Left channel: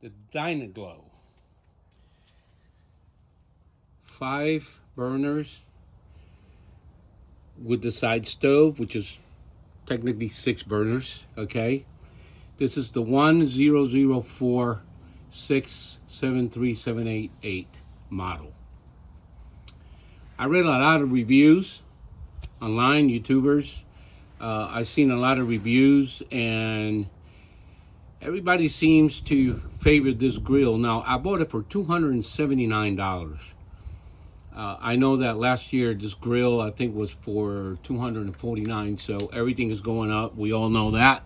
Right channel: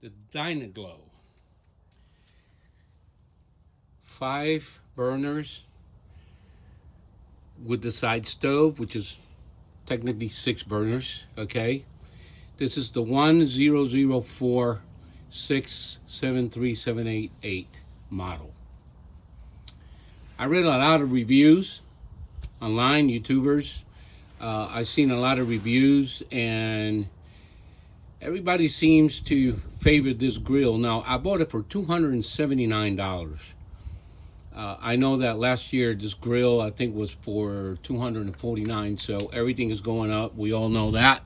the Dyna-Glo. 5 burners with the side stove, which is technically 6 burners, okay? This is the 100467378 model. I read a lot of reviews online, YouTubers. I've seen a lot of reviews, and everybody seems to favor this grill. Now, I bought it for $279. I know that last year this grill, I think, was for $249, so everything is going up. We all know that.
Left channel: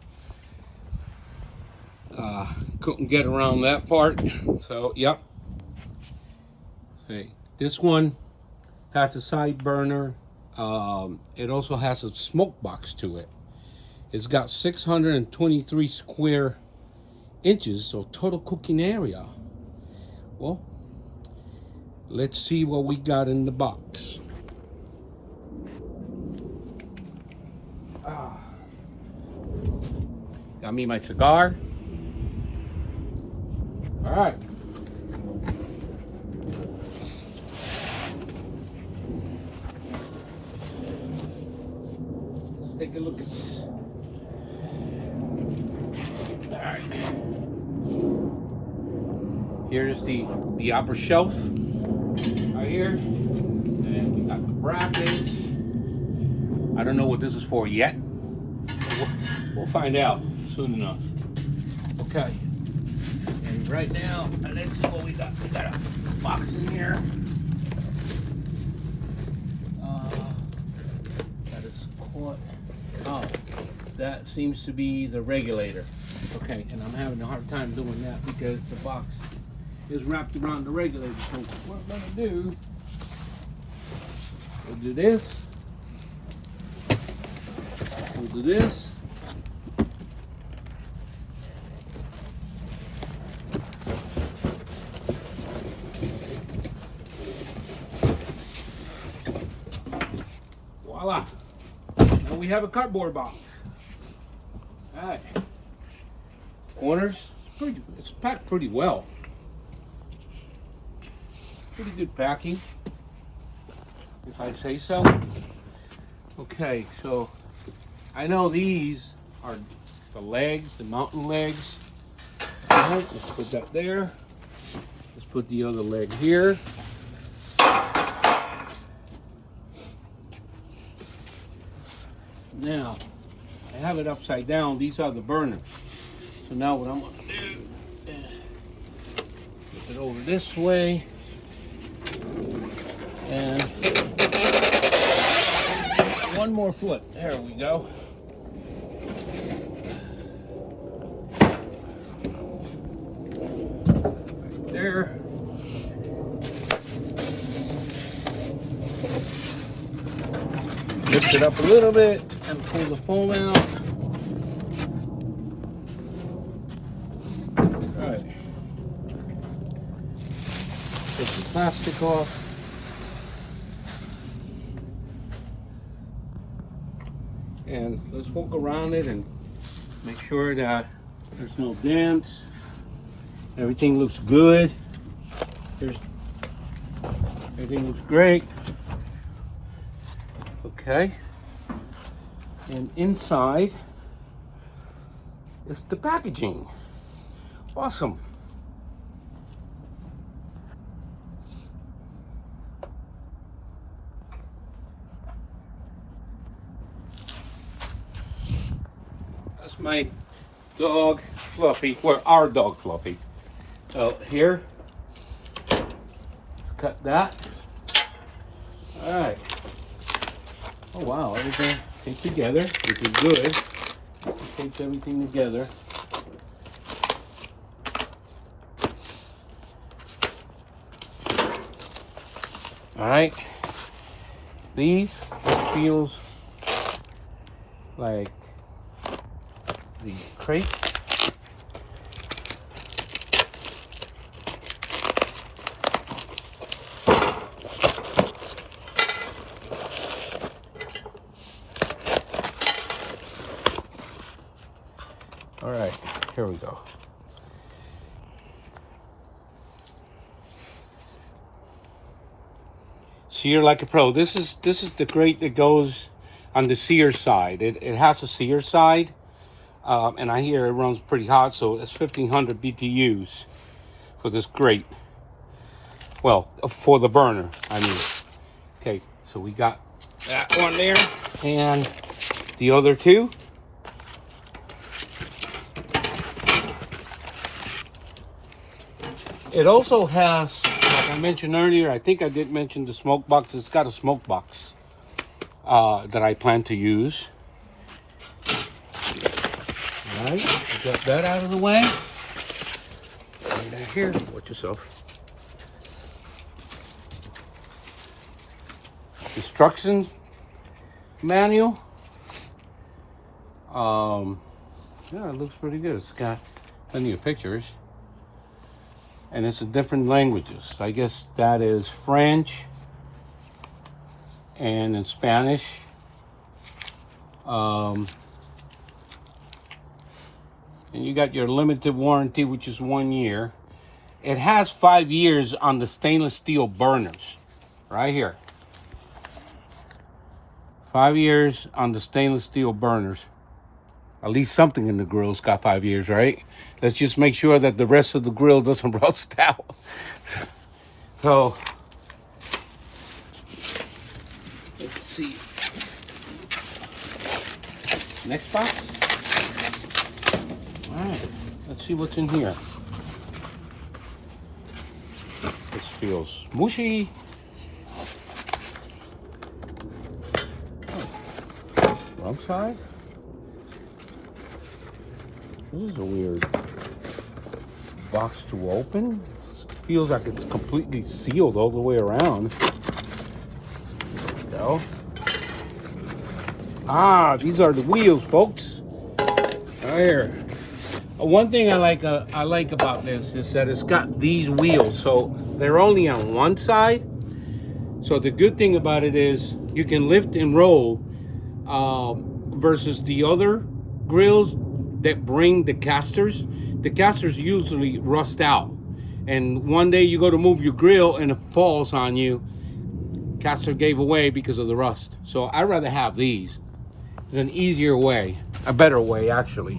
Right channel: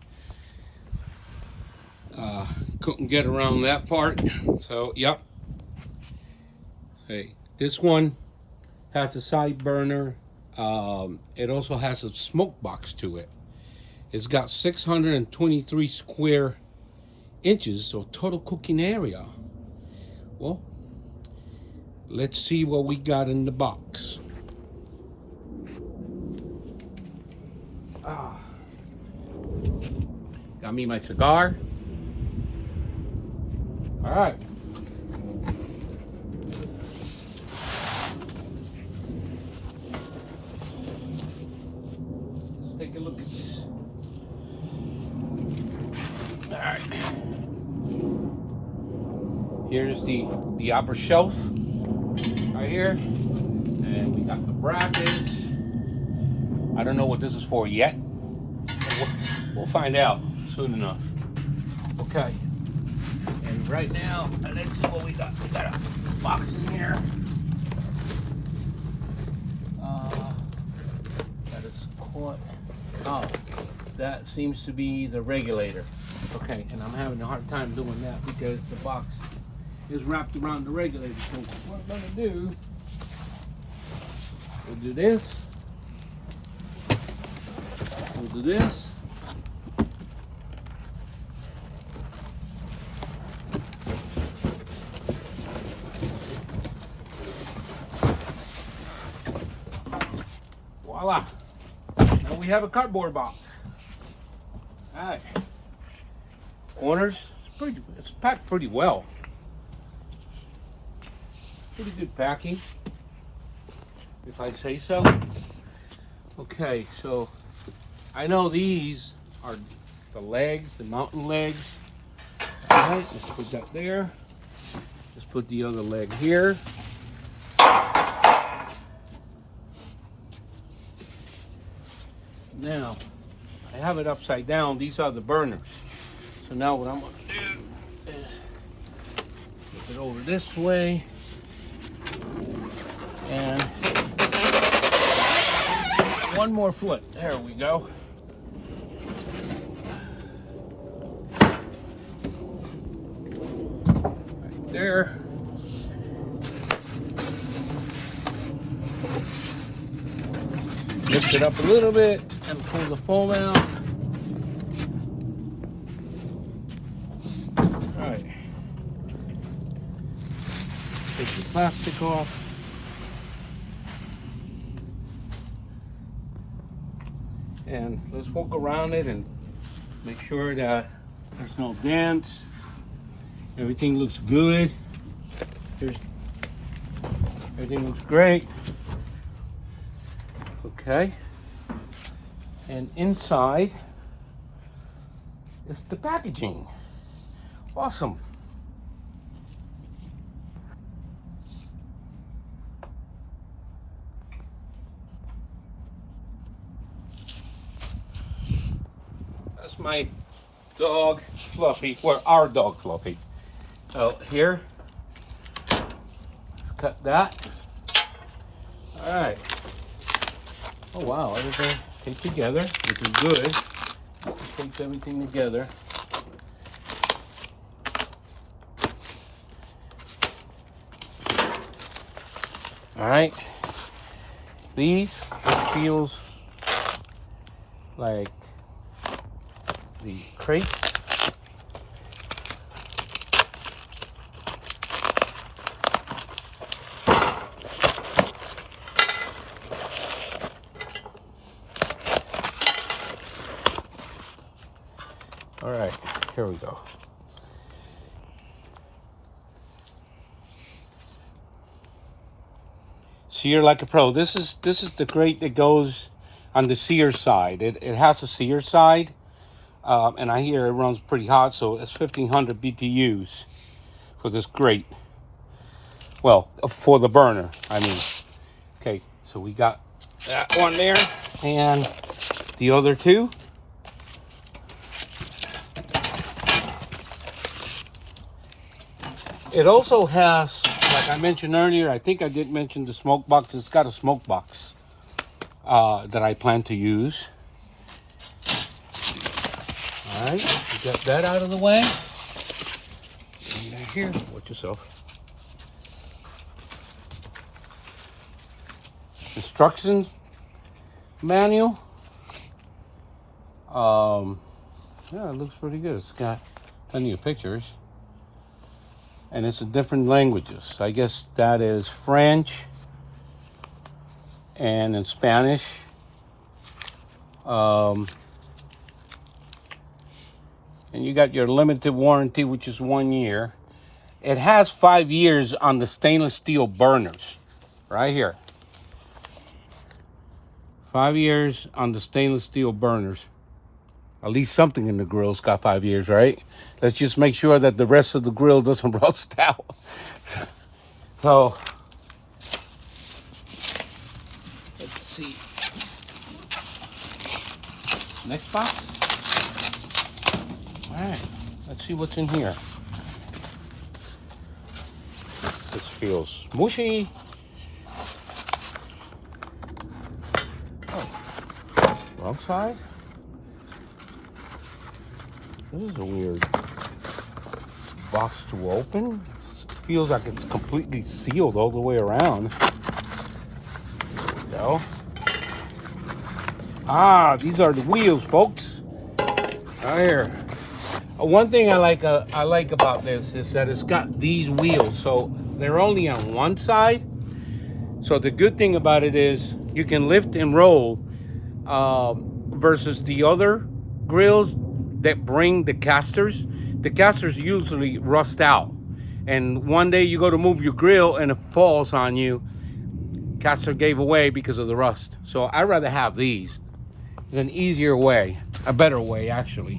Couldn't get around that part, so yep. Okay, this one has a side burner. It also has a smoke box to it. It's got 623 square inches, so total cooking area. Well, let's see what we got in the box. Got me my cigar. All right. Let's take a look at this. All right. Here's the upper shelf right here, and we got the brackets. I don't know what this is for yet. We'll find out soon enough. Okay. And right now, let's see what we got. We got a box in here. That is caught. Oh, that seems to be the regulator. Okay, and I'm having a hard time doing that because the box is wrapped around the regulator. So what I'm gonna do, we'll do this. We'll do this. Voila. Now we have a cardboard box. All right. Corners. It's packed pretty well. Pretty good packing, if I say so. Okay, so I know these are the legs, the mountain legs. All right, let's put that there. Let's put the other leg here. Now, I have it upside down. These are the burners. So now what I'm going to do is flip it over this way. And one more foot. There we go. Right there. Lift it up a little bit and pull the fold out. All right. Take the plastic off. And let's walk around it and make sure that there's no dents. Everything looks good. Everything looks great. Okay. And inside is the packaging. Awesome. That's my dog Fluffy, well, our dog Fluffy. So here, let's cut that. All right. Oh wow, everything came together, which is good. It takes everything together. All right. This feels like the crate. All right, here we go. Sear like a pro. This is the grate that goes on the sear side. It has a sear side, and I hear it runs pretty hot, so it's 1500 BTUs for this grate. Well, for the burner, I mean. Okay, so we got that one there, and the other two. It also has, like I mentioned earlier, I think I did mention the smoke box. It's got a smoke box that I plan to use. All right, got that out of the way. And here, watch yourself. Instruction manual. Yeah, it looks pretty good. It's got plenty of pictures. And it's in different languages. I guess that is French and in Spanish. And you got your limited warranty, which is 1 year. It has 5 years on the stainless steel burners, right here. 5 years on the stainless steel burners. At least something in the grill's got 5 years, right? Let's just make sure that the rest of the grill doesn't rust out. So, let's see. Next box. All right, let's see what's in here. This feels mushy. Oh, wrong side. This is a weird box to open. It feels like it's completely sealed all the way around. There we go. Ah, these are the wheels, folks. Right here. One thing I like about this is that it's got these wheels, so they're only on one side. So the good thing about it is you can lift and roll versus the other grills that bring the casters. The casters usually rust out, and one day you go to move your grill and it falls on you. Caster gave away because of the rust. So I'd rather have these. It's an easier way, a better way actually.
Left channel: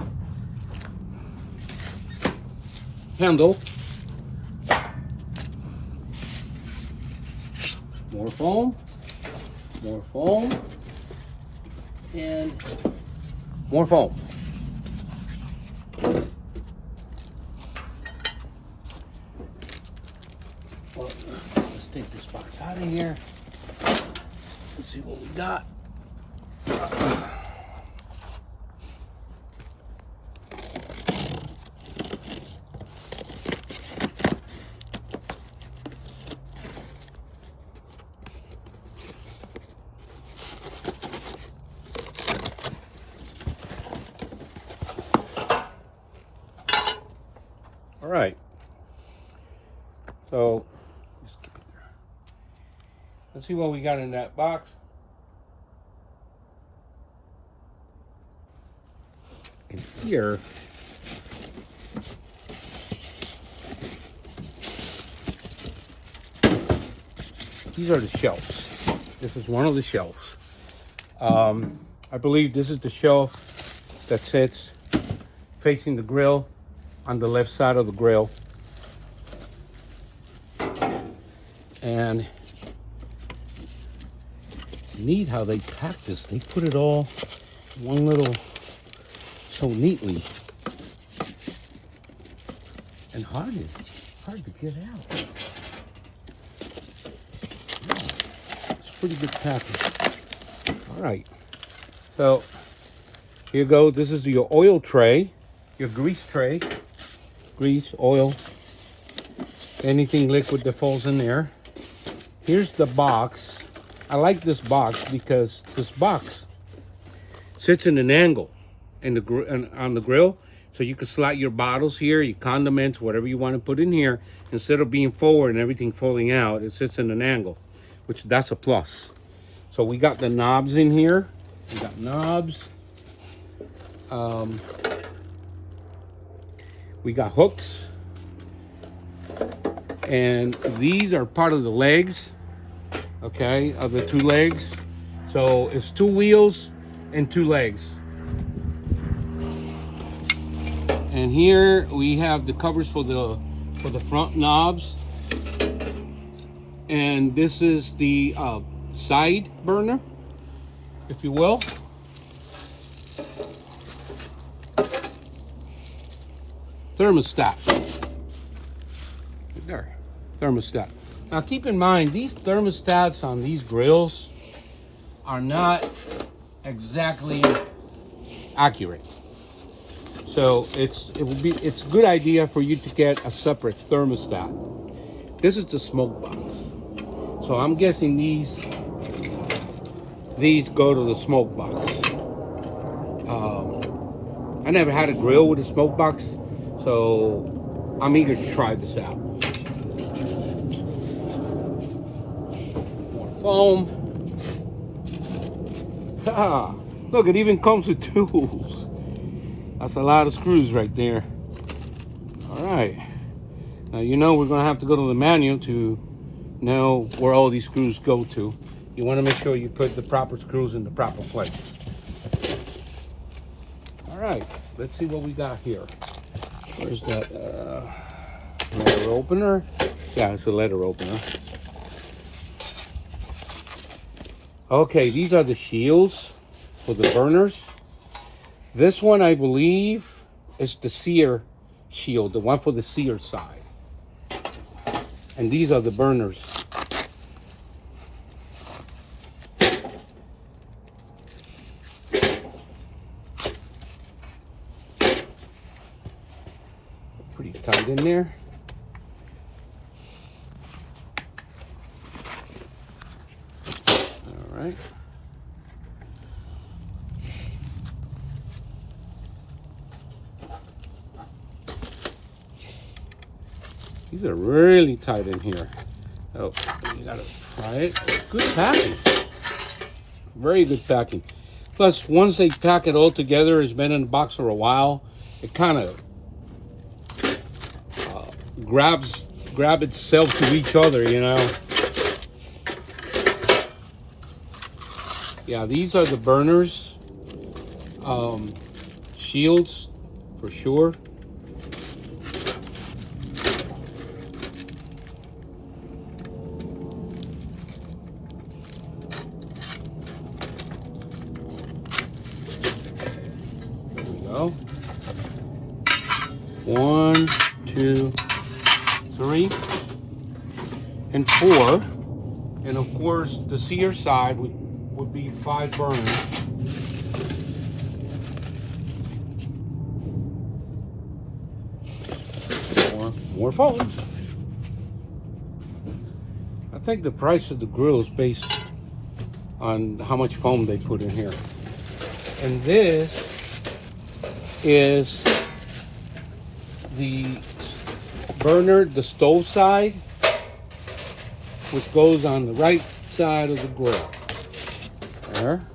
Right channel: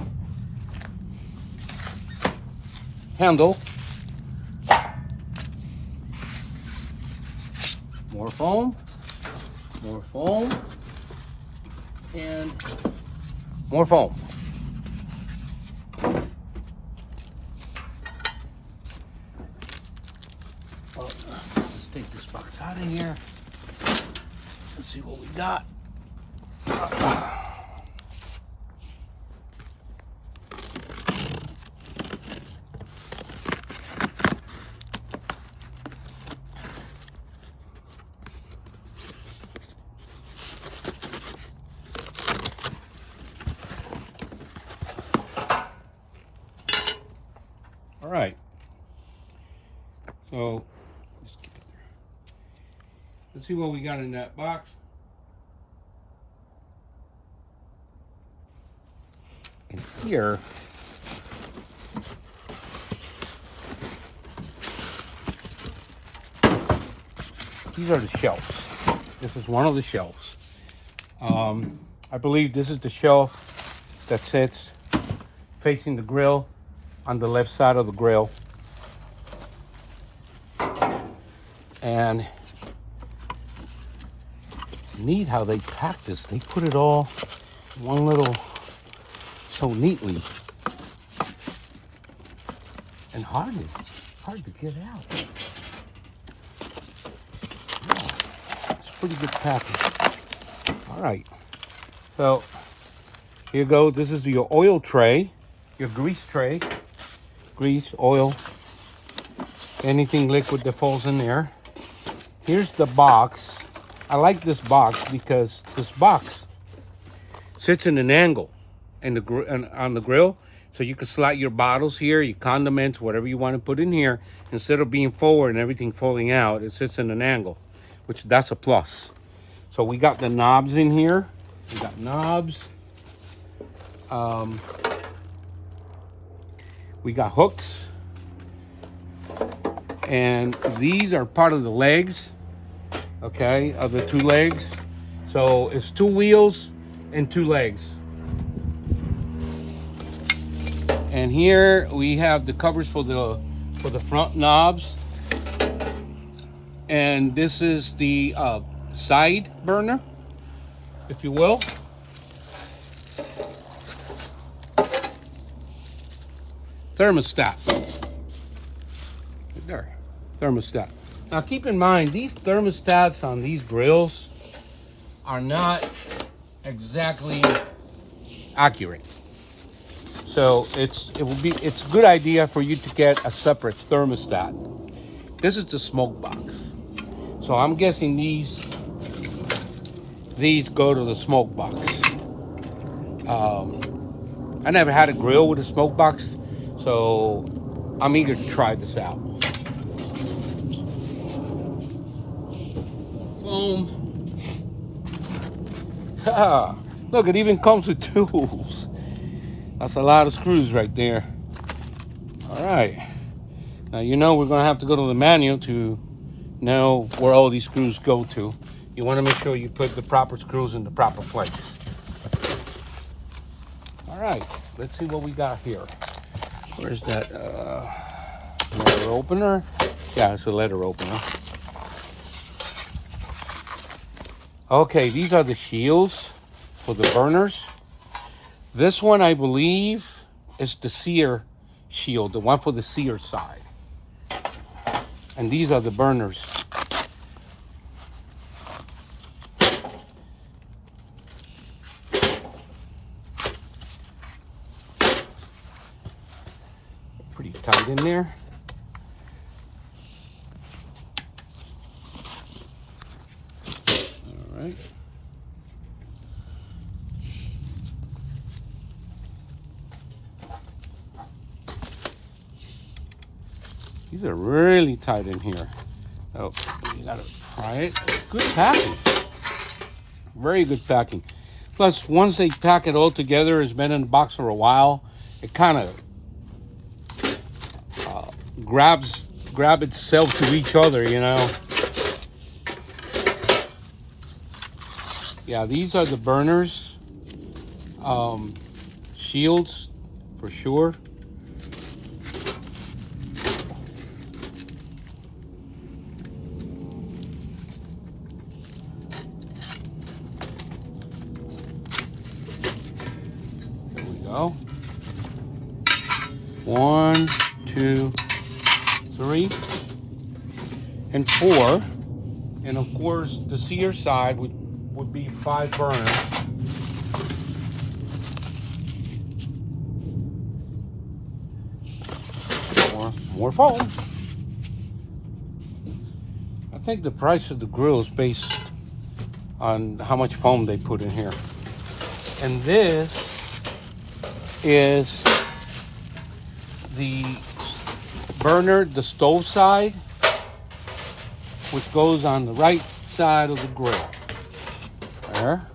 Handle. More foam, and more foam. Well, let's take this box out of here. Let's see what we got. All right. So just keep it there. Let's see what we got in that box. And here, these are the shelves. This is one of the shelves. I believe this is the shelf that sits facing the grill on the left side of the grill. And neat how they pack this. They put it all in one little, so neatly. And hard to get out. It's pretty good packing. All right. So here you go. This is your oil tray, your grease tray. Grease, oil, anything liquid that falls in there. Here's the box. I like this box because this box sits in an angle in on the grill, so you can slide your bottles here, your condiments, whatever you want to put in here. Instead of being forward and everything falling out, it sits in an angle, which that's a plus. So we got the knobs in here. We got knobs. We got hooks, and these are part of the legs okay, of the 2 legs. So it's 2 wheels and 2 legs. And here we have the covers for the front knobs. And this is the side burner, if you will. Thermostat. Right there. Thermostat. Now keep in mind, these thermostats on these grills are not exactly accurate. So it's a good idea for you to get a separate thermostat. This is the smoke box. So I'm guessing these go to the smoke box. I never had a grill with a smoke box, so I'm eager to try this out. Foam. Look, it even comes with tools. That's a lot of screws right there. All right. Now, you know we're gonna have to go to the manual to know where all these screws go to. You wanna make sure you put the proper screws in the proper place. All right, let's see what we got here. Where's that letter opener? Yeah, it's a letter opener. Okay, these are the shields for the burners. This one, I believe, is the sear shield, the one for the sear side. And these are the burners. Pretty tight in there. All right. These are really tight in here. Oh, you gotta try it. Good packing. Very good packing. Plus, once they pack it all together, it's been in the box for a while, it kind of grab itself to each other, you know. Yeah, these are the burners. Shields, for sure. Go. 1, 2, 3, and 4. And of course, the sear side would be 5 burners. More foam. I think the price of the grill is based on how much foam they put in here. And this is the burner, the stove side, which goes on the right side of the grill. There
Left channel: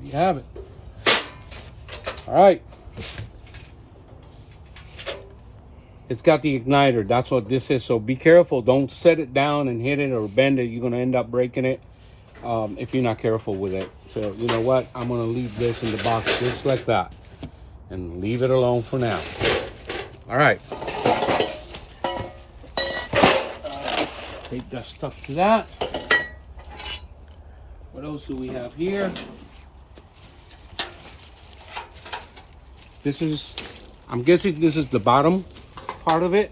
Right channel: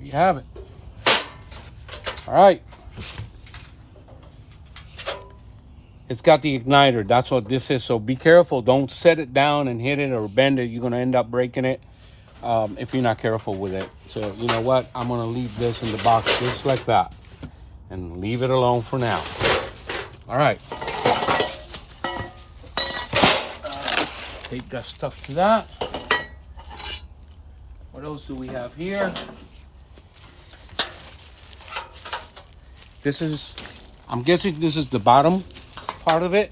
you have it. All right. It's got the igniter. That's what this is. So be careful. Don't set it down and hit it or bend it. You're going to end up breaking it if you're not careful with it. So you know what? I'm going to leave this in the box just like that and leave it alone for now. All right. Tape got stuck to that. What else do we have here? This is, I'm guessing this is the bottom part of it.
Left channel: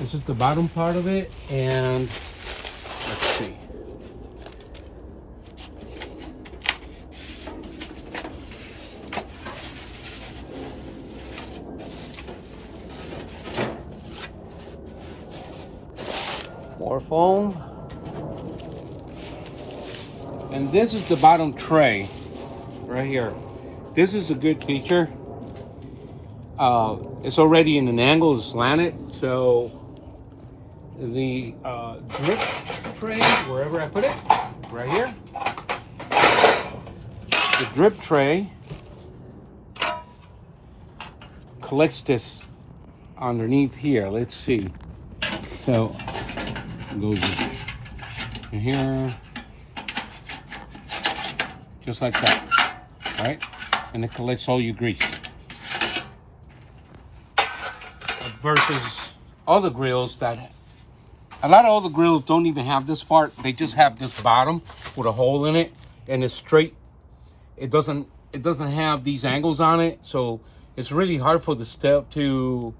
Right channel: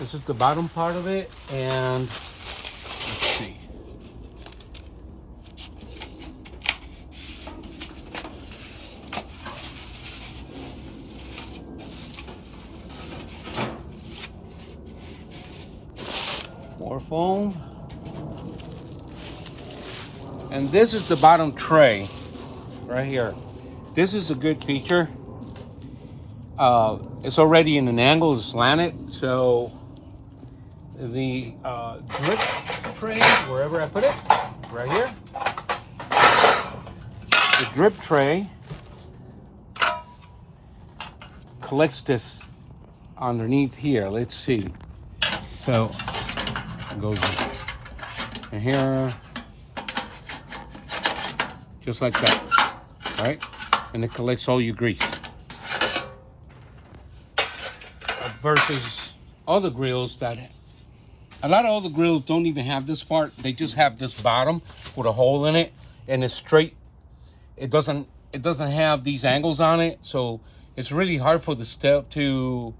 This is the bottom part of it, and let's see. More foam. And this is the bottom tray right here. This is a good feature. It's already in an angle, it's slanted, so the drip tray, wherever I put it, right here, the drip tray collects this underneath here. Let's see. So it goes in here, just like that, right? And it collects all your grease. Versus other grills that, a lot of other grills don't even have this part. They just have this bottom with a hole in it, and it's straight. It doesn't have these angles on it, so it's really hard for the step to,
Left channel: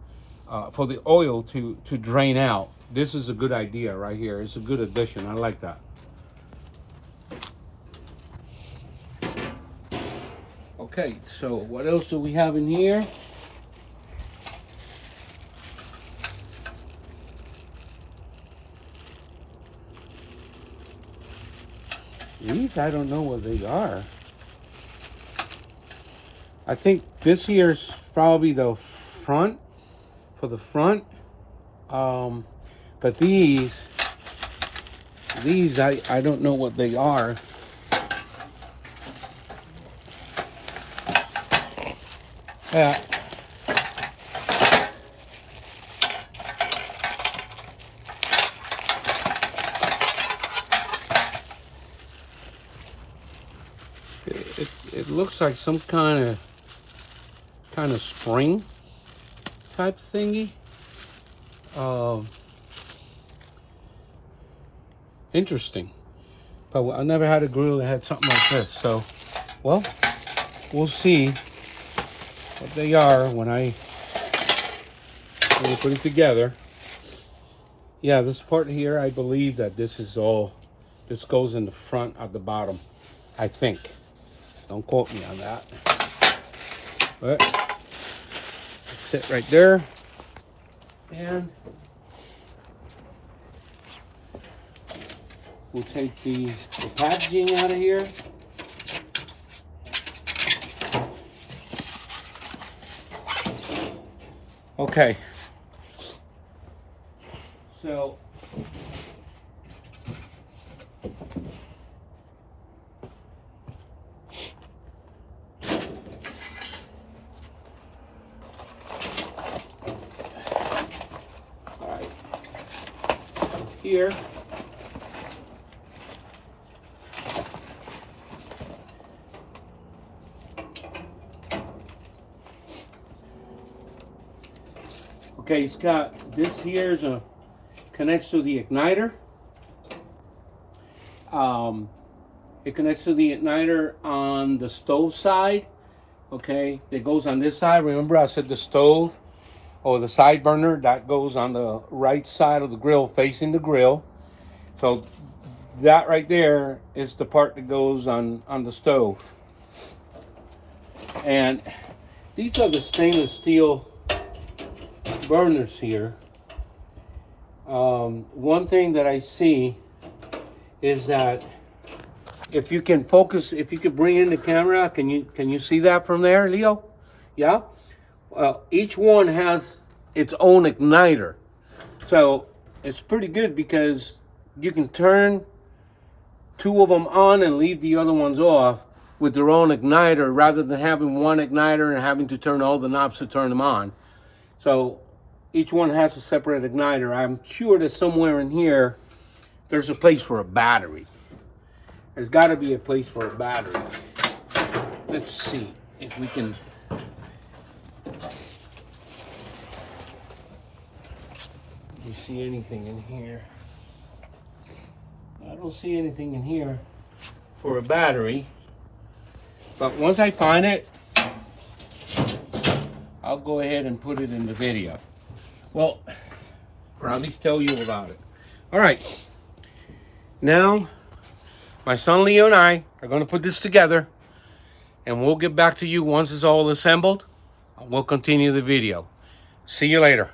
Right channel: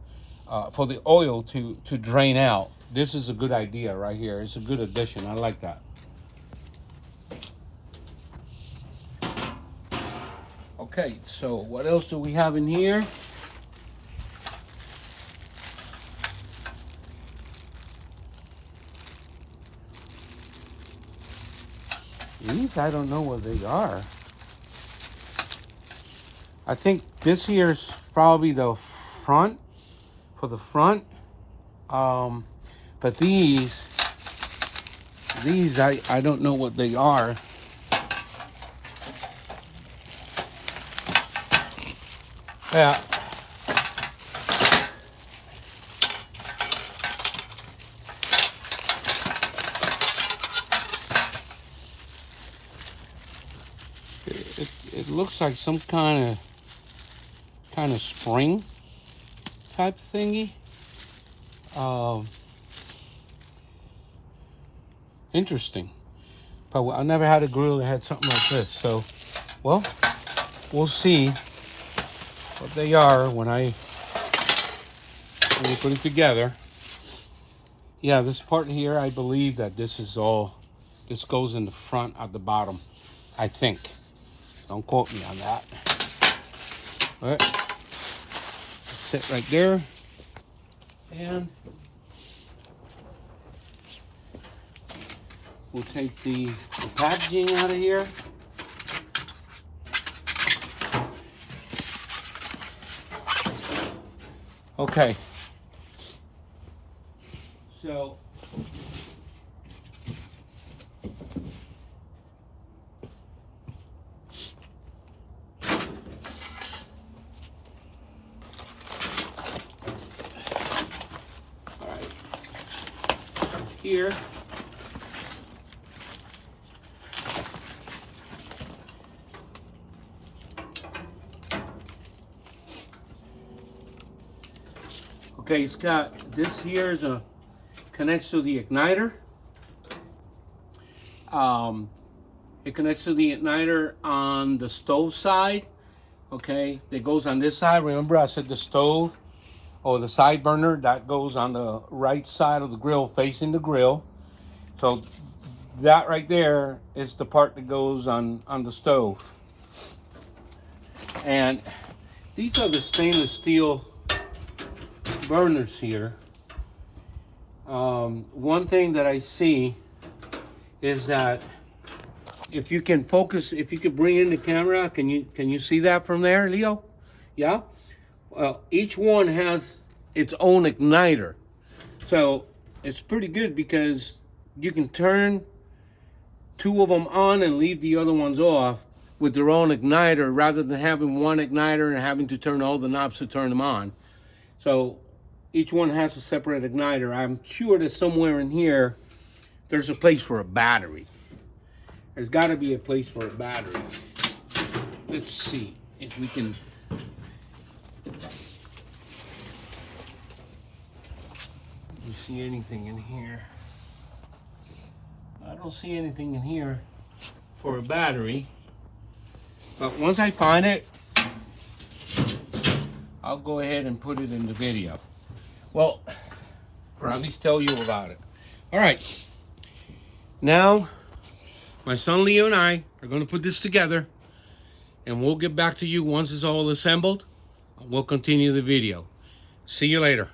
for the oil to drain out. This is a good idea right here. It's a good addition. I like that. Okay, so what else do we have in here? These, I don't know what they are. I think this here's probably the front, for the front. But these I don't know what they are. Yeah. It looks like some kind of spring type thingy. Interesting. But I never had a grill that had something like this. So, well, we'll see what they are when we put it together. Yeah, this part here, I believe that this goes in the front at the bottom, I think. Don't quote me on that. But sit right there. And we'll take the packaging out of here. Okay. So here. Okay, it's got this here is connects to the igniter. It connects to the igniter on the stove side. Okay, it goes on this side. Remember I said the stove or the side burner, that goes on the right side of the grill facing the grill. So that right there is the part that goes on the stove. And these are the stainless steel burners here. One thing that I see is that if you can focus, if you could bring in the camera, can you see that from there, Leo? Yeah? Each one has its own igniter. So it's pretty good because you can turn two of them on and leave the other ones off with their own igniter rather than having one igniter and having to turn all the knobs to turn them on. So each one has a separate igniter. I'm sure that somewhere in here there's a place for a battery. There's got to be a place for a battery. Let's see if we can. Do you see anything in here? I don't see anything in here for a battery. But once I find it, I'll go ahead and put it in the video. Well, or at least tell you about it. All right. Now, my son Leo and I are going to put this together, and we'll get back to you once it's all assembled. We'll continue the video. See you later.